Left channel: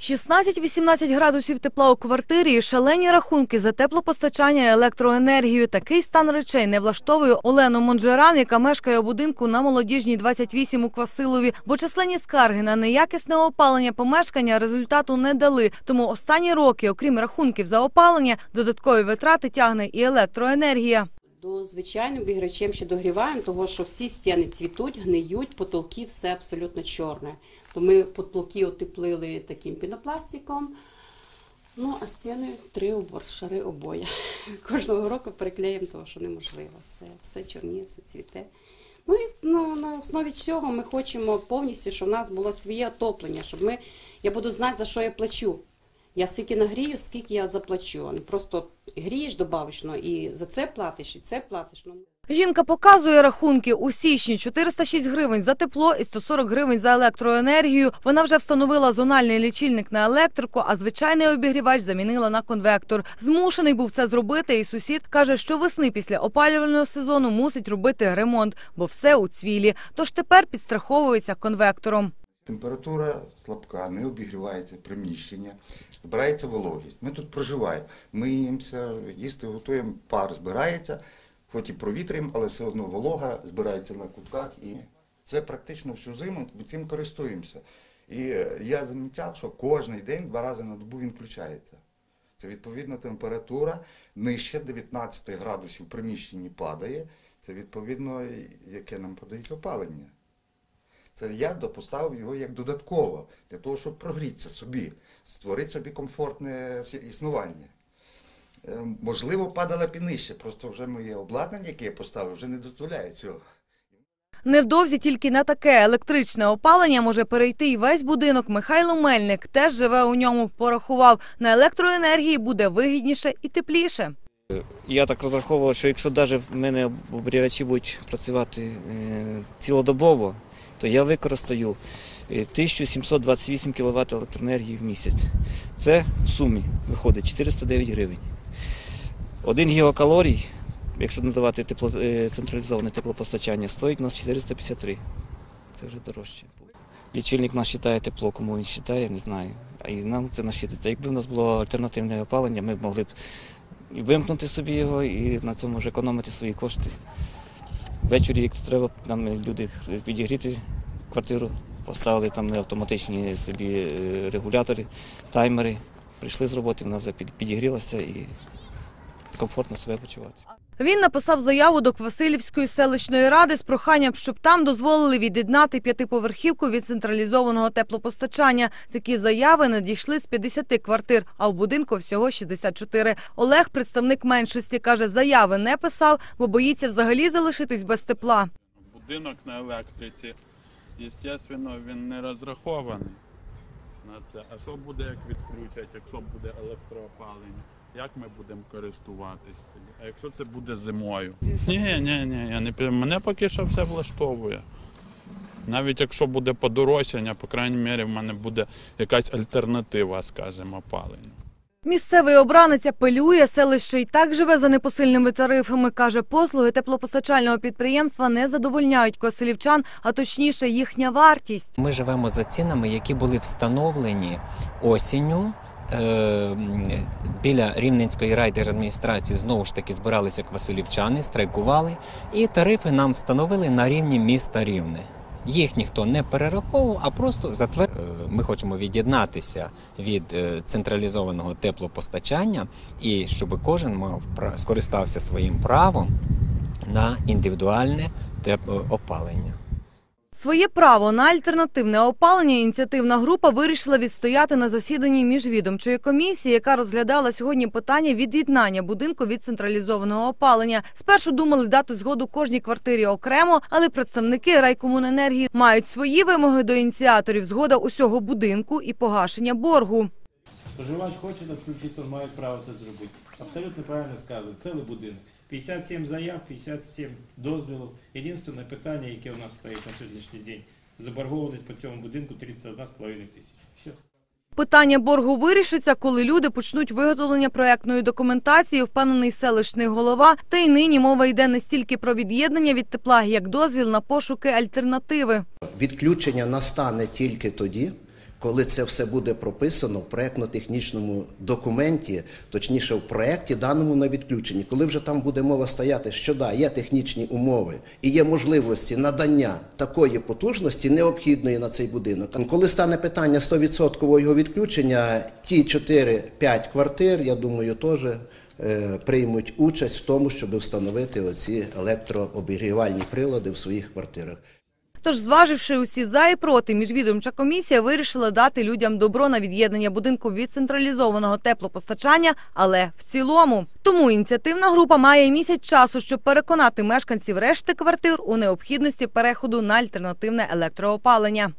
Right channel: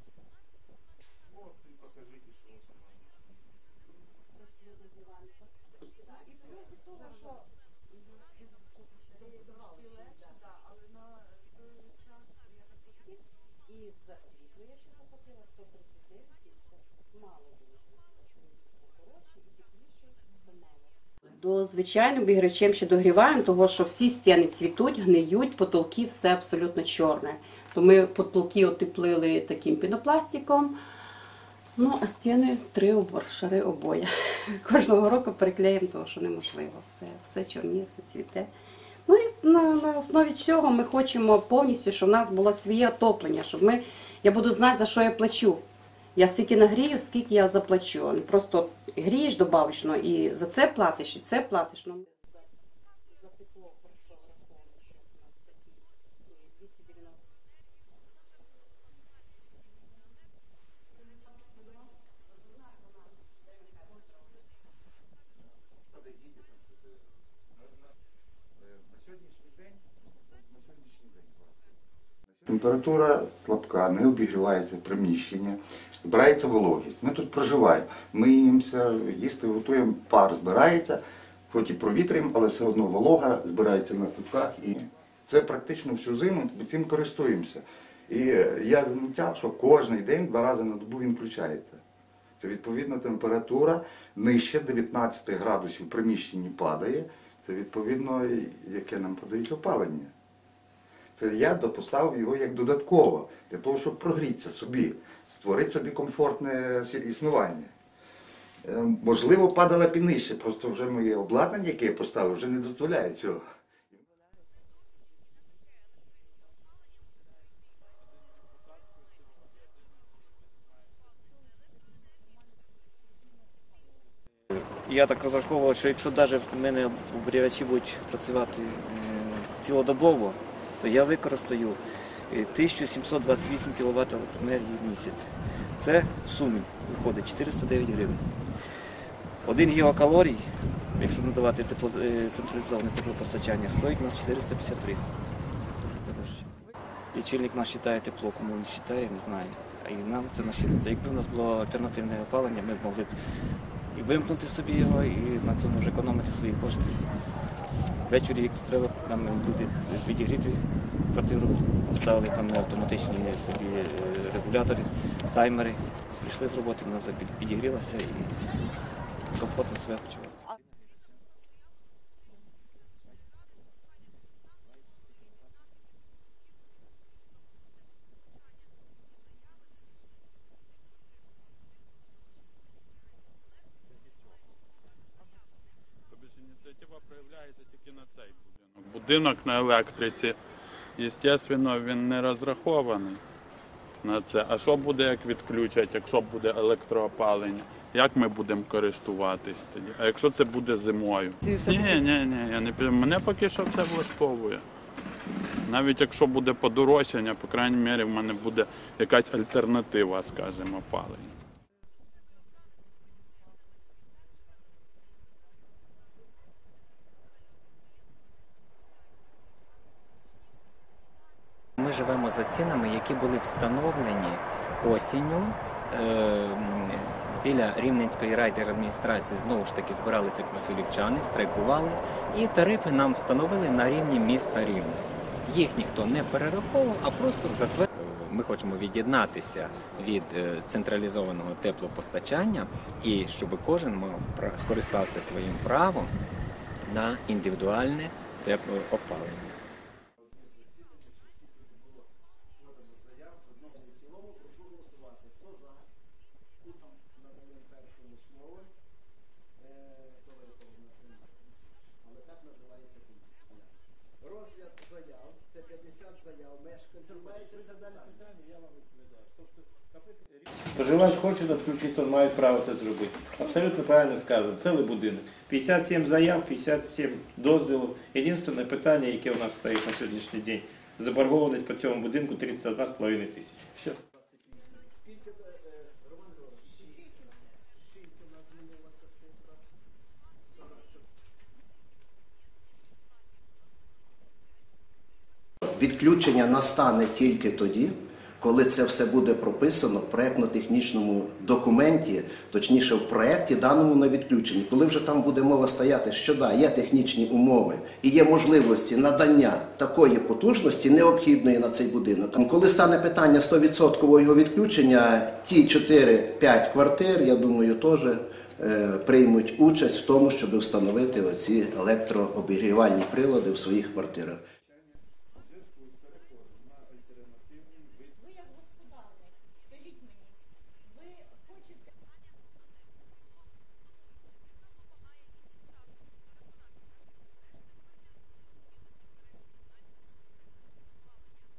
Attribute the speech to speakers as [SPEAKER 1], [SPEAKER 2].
[SPEAKER 1] 16-18 градусів тепла у квартирі і шалені рахунки за теплопостачання електроенергію. Такий стан речей не влаштовує Олену Монжеран, яка мешкає у будинку на молодіжній 28 у Квасилові. Бо численні скарги на неякісне опалення помешкання результату не дали. Тому останні роки, окрім рахунків за опалення, додаткові витрати тягне і електроенергія.
[SPEAKER 2] До звичайним обігрівачем ще догріваємо, того що всі стіни цвітуть, гниють, потолки все абсолютно чорне. То ми потолки отеплили таким пінопластиком. Ну, а стіни три шари обоє. Кожного року переклеїмо, того що неможливо. Все, все чорніє, все цвіте. Ну і на, на основі цього ми хочемо повністю, щоб в нас було своє отоплення, щоб ми, я буду знати, за що я плачу. Я скільки нагрію, скільки я заплачу. Просто грієш добавочно і за це платиш, і це платиш. Ну,
[SPEAKER 1] Жінка показує рахунки у січні 406 гривень за тепло і 140 гривень за електроенергію. Вона вже встановила зональний лічильник на електрику, а звичайний обігрівач замінила на конвектор. Змушений був це зробити, і сусід каже, що весни після опалювального сезону мусить робити ремонт, бо все у цвілі. Тож тепер підстраховується конвектором.
[SPEAKER 3] Температура слабка, не обігрівається приміщення, збирається вологість. Ми тут проживаємо, миємося, їсти готуємо, пар збирається, хоч і провітрюємо, але все одно волога збирається на кутках. І це практично всю зиму ми цим користуємося. І е, я замітив, що кожен день два рази на добу він включається. Це відповідно температура нижче 19 градусів в приміщенні падає. Це відповідно, яке нам подають опалення. Це я допоставив його як додатково, для того, щоб прогрітися собі, створити собі комфортне існування. Е, Можливо, падала б і нижче, просто вже моє обладнання, яке я поставив, вже не дозволяє цього.
[SPEAKER 1] Невдовзі тільки на таке електричне опалення може перейти і весь будинок. Михайло Мельник теж живе у ньому. Порахував на електроенергії буде вигідніше і тепліше.
[SPEAKER 4] Я так розраховував, що якщо навіть в мене обігрівачі будуть працювати е, цілодобово, то я використаю е, 1728 кВт електроенергії в місяць. Це в сумі виходить 409 гривень. Один гігакалорій, якщо надавати тепло, е, централізоване теплопостачання, стоїть у нас 453. Це вже дорожче. Лічильник нас вважає тепло, кому він вважає, не знаю. І нам це насчитується. Якби у нас було альтернативне опалення, ми б могли б вимкнути собі його і на цьому вже економити свої кошти. Ввечері, як треба, нам люди підігріти квартиру, поставили там автоматичні собі е, регулятори, таймери. Прийшли з роботи, вона підігрілася і комфортно себе почувати.
[SPEAKER 1] Він написав заяву до Квасилівської селищної ради з проханням, щоб там дозволили від'єднати п'ятиповерхівку від централізованого теплопостачання. Такі заяви надійшли з 50 квартир, а в будинку всього 64. Олег, представник меншості, каже, заяви не писав, бо боїться взагалі залишитись без тепла.
[SPEAKER 5] Будинок на електриці, звісно, він не розрахований на це. А що буде, як відключать, якщо буде електроопалення? Як ми будемо користуватись тоді? А якщо це буде зимою? Ні, ні, ні, я не пи- мене поки що все влаштовує. Навіть якщо буде подорожчання, по крайній мірі, в мене буде якась альтернатива, скажімо, опалення.
[SPEAKER 1] Місцевий обранець апелює, селище й так живе за непосильними тарифами. Каже, послуги теплопостачального підприємства не задовольняють квасилівчан, а точніше їхня вартість.
[SPEAKER 6] Ми живемо за цінами, які були встановлені осінню. Е, Біля Рівненської райдержадміністрації знову ж таки збиралися квасилівчани, страйкували, і тарифи нам встановили на рівні міста Рівне. Їх ніхто не перераховував, а просто затвердив. Ми хочемо від'єднатися від е, централізованого теплопостачання і щоб кожен мав скористався своїм правом на індивідуальне теплоопалення.
[SPEAKER 1] Своє право на альтернативне опалення ініціативна група вирішила відстояти на засіданні міжвідомчої комісії, яка розглядала сьогодні питання від'єднання будинку від централізованого опалення. Спершу думали дати згоду кожній квартирі окремо, але представники райкомуненергії мають свої вимоги до ініціаторів згода усього будинку і погашення боргу.
[SPEAKER 7] Споживач хоче відключитися, має право це зробити. Абсолютно правильно сказано, цілий будинок. 57 заяв, 57 дозволів. Єдине питання, яке у нас стоїть на сьогоднішній день, заборгованість по цьому будинку 31,5 тисяч.
[SPEAKER 1] Все. Питання боргу вирішиться, коли люди почнуть виготовлення проектної документації, впевнений селищний голова. Та й нині мова йде не стільки про від'єднання від тепла, як дозвіл на пошуки альтернативи.
[SPEAKER 8] Відключення настане тільки тоді, Коли це все буде прописано в проєктно-технічному документі, точніше в проєкті даному на відключенні, коли вже там буде мова стояти, що да, є технічні умови і є можливості надання такої потужності, необхідної на цей будинок. Коли стане питання 100% його відключення, ті 4-5 квартир, я думаю, теж е, приймуть участь в тому, щоб встановити оці електрообігрівальні прилади в своїх квартирах.
[SPEAKER 1] Тож, зваживши усі за і проти, міжвідомча комісія вирішила дати людям добро на від'єднання будинку від централізованого теплопостачання, але в цілому. Тому ініціативна група має місяць часу, щоб переконати мешканців решти квартир у необхідності переходу на альтернативне електроопалення.